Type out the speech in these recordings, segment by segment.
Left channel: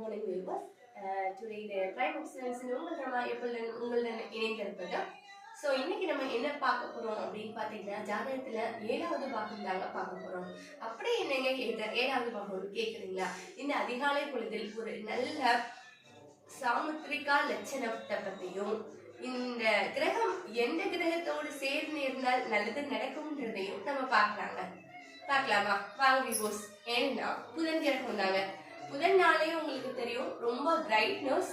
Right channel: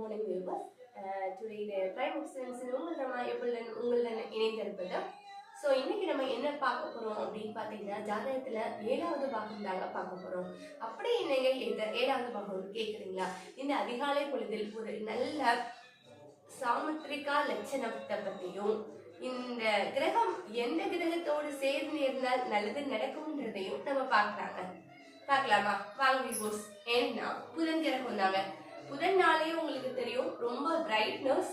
morning viewers. Today the Prime Excellence உங்களுடன் இணைந்திருப்பது. So இன்னைக்கு நம்ம என்ன பார்க்க போறோம் அப்படின்னு பார்த்தீங்கன்னா, ஜாதகத்துல 7வது பாகம் தாங்க பார்க்க போறோம். அப்படி என்னங்க இந்த 7வது பாகம் கேட்குறீங்களா? இந்த அதிகாலை பொழுதில் ஒரு நல்ல சாமுத்திரிகா லட்சணத்தை பற்றியும், இந்த கிரகம் எந்த கிரகத்தோடு சேர்ந்து இருந்தால் நல்லது நடக்கும்ன்றதையும் நம்ம பார்க்கலாமா? வாங்க வியூஸ். ஏன்னா புதன் கிரகம் தாங்க. புதன் நாளே உங்களுக்கு தெரியும், ரொம்ப brightness,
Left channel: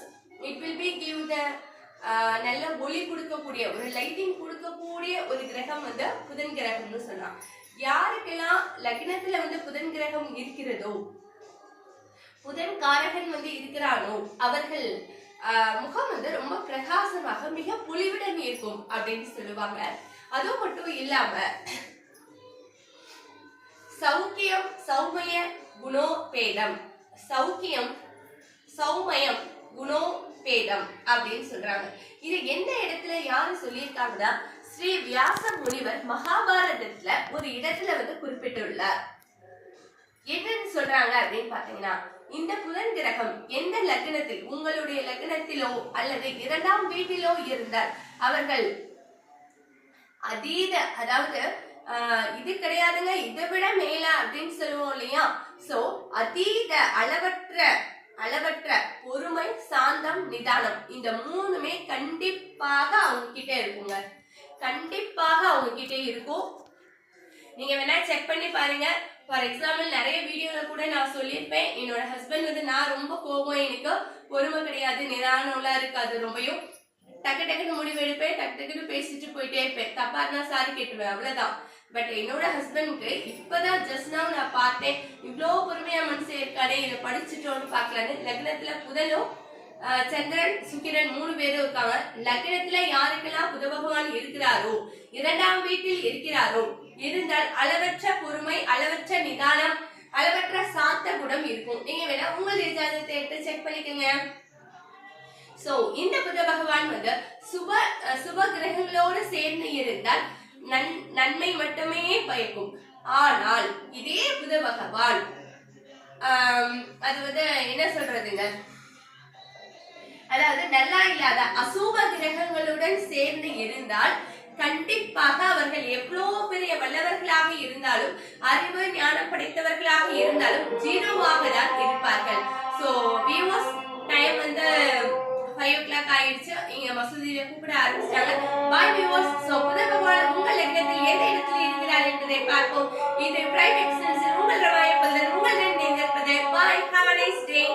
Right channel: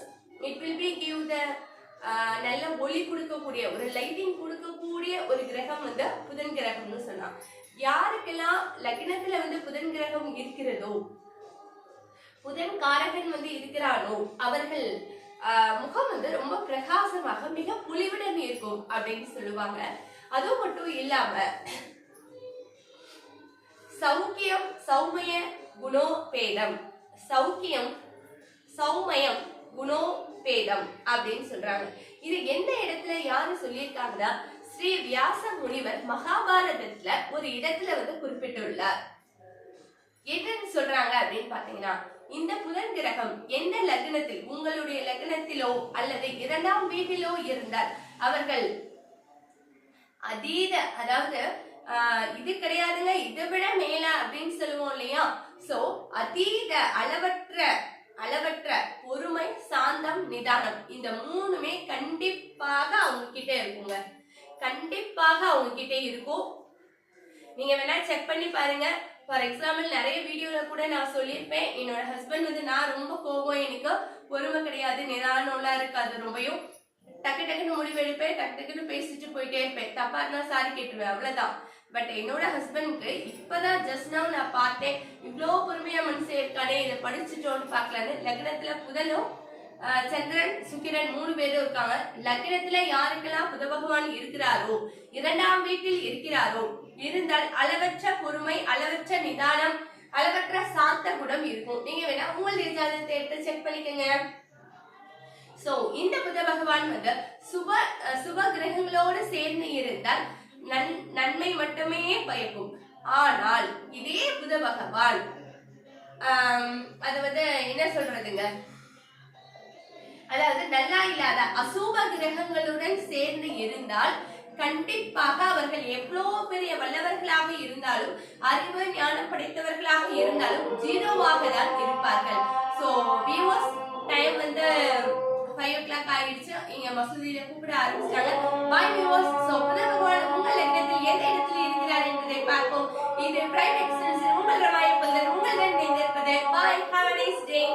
it will be give the நல்ல ஒளி கொடுக்கக்கூடிய, ஒரு லைட்டிங் கொடுக்கக்கூடிய ஒரு கிரகம் வந்து புதன் கிரகம்னு சொன்னா. யாருக்கெல்லாம் லக்னத்துல வந்து புதன் கிரகம் இருக்கிறதோ, புதன் காரகன் வந்து இருக்கிறானோ, அவர்கள் முகம் வந்து ரொம்ப பிரகாசமாக மிக பொலிவுடன் இருக்கும் அப்படின்னு சொல்லுவாங்க. அது மட்டும் இல்லாம சௌக்கியம் சௌமய குணோபேதம், சௌக்கியம் சௌமயம் குணோபேதம் அப்படின்னு சொல்றாங்க. இது எந்த இடத்துல யாரு சொல்லியிருக்காங்கன்னா, ஸ்ரீ வியாச முனிவர் மகாபாரதத்துல ஒரு இடத்துல வந்து குறிப்பிட்டுள்ளார். என்னன்னு சொல்றாங்க அப்படின்னு பாத்தீங்கன்னா, இந்த புதன் கிரகம் எந்த லக்னத்தில், உங்களுடைய லக்னத்திலோ அல்லது 2ஆம் வீட்டிலோ இருந்தால் அவர்கள் அதீத, அதாவது இது கிடையாதுங்க, இதை விட மேல அப்படின்னு சொல்லுவோம் இல்லையா? சோ அதீத அளவற்ற பொறுமை, சாந்தம், நிதானம், இந்த மூணுமே கண்டிப்பாக அவங்க கிட்ட இருக்குங்க. கண்டிப்பாக அவங்க கிட்ட இருக்கும். நீங்க வேணா செக் பண்ணி பாருங்க. ஃபார் எக்ஸாம்பிள் நிறைய வீடியோல கூட நான் சொல்லியிருப்பேன், என்னோட ஹஸ்பண்ட் வந்து நான் ரொம்ப கோபம், எனக்கு பொறுமை கிடையாது, நிதானம்லாம் இருக்காது, ரொம்பவும் டக்கு டக்குன்னு முடிவு எடுப்பேன், டக்கு டக்குன்னு பேசிட்டு போயிட்டே இருப்பேன், தப்பா இருந்தா சாரி கேட்டுருவேன், அவ்வளவுதான். பட் என்னோட ஹஸ்பண்ட்க்கு இப்பதான் ஜஸ்ட் நவ் நான் பார்த்தேன், இவ்வளோ பொறுமையா மனுஷன் இருக்கானே, இதை படிச்சுட்டோன்னு பார்க்கலான்னு. லக்னத்துல புதனும் சந்திரன் சுக்கிரன் 3 பேரும் இருக்காங்க. லக்னத்துல யாருக்கெல்லாம் புத பகவான் இருக்கிறாரோ, 2ஆம் வீட்டில் இருக்கிறாரோ, இருந்தால் அளவற்ற பொறுமை, அளவற்ற நிதானம், அளவற்ற சாந்த குணம் இருக்கும். நீங்க வேணா உங்களுடைய ஜாதகத்தை எடுத்து செக் பண்ணிக்கங்க. சோ இந்த புத பகவான் வந்து சுப கிரகங்களோடு சேர்ந்து இருந்தால் நன்மை மட்டுமே பயக்கும். ஆனால் இதே புத பகவான் அது வந்து என்ன சொல்றதுங்க, அதாவது நல்லா இல்லாத அசுப கிரகங்களுடன் சேர்ந்து இருந்தால் கண்டிப்பாக அவர்கள் எவ்வளவு பெரிய வல்லவர்களாக இருந்தாலும், அறிவு ஞானம் படைத்தவர்களாக இருந்தாலும் ஜீரோவாக தான் இருப்பார்கள். சோ வியூவர்ஸ், டைம் வந்து 5 o'clock ஆயிடுச்சு. இங்க மசூதியில கூப்பிட ஆரம்பிச்சிட்டாங்க. பாய் வியூவர்ஸ். சோ புத பகவான் உங்கள் லக்னத்தில் எந்த இடத்தில் இருக்கிறார் என்பதை பார்ப்போம். இது பிரைம் எக்ஸலன்ஸ் உங்கள் ரவாயப்பல்லர் உங்களுடன் இணைந்திருப்பது. பாய், ஹேவ் a nice day.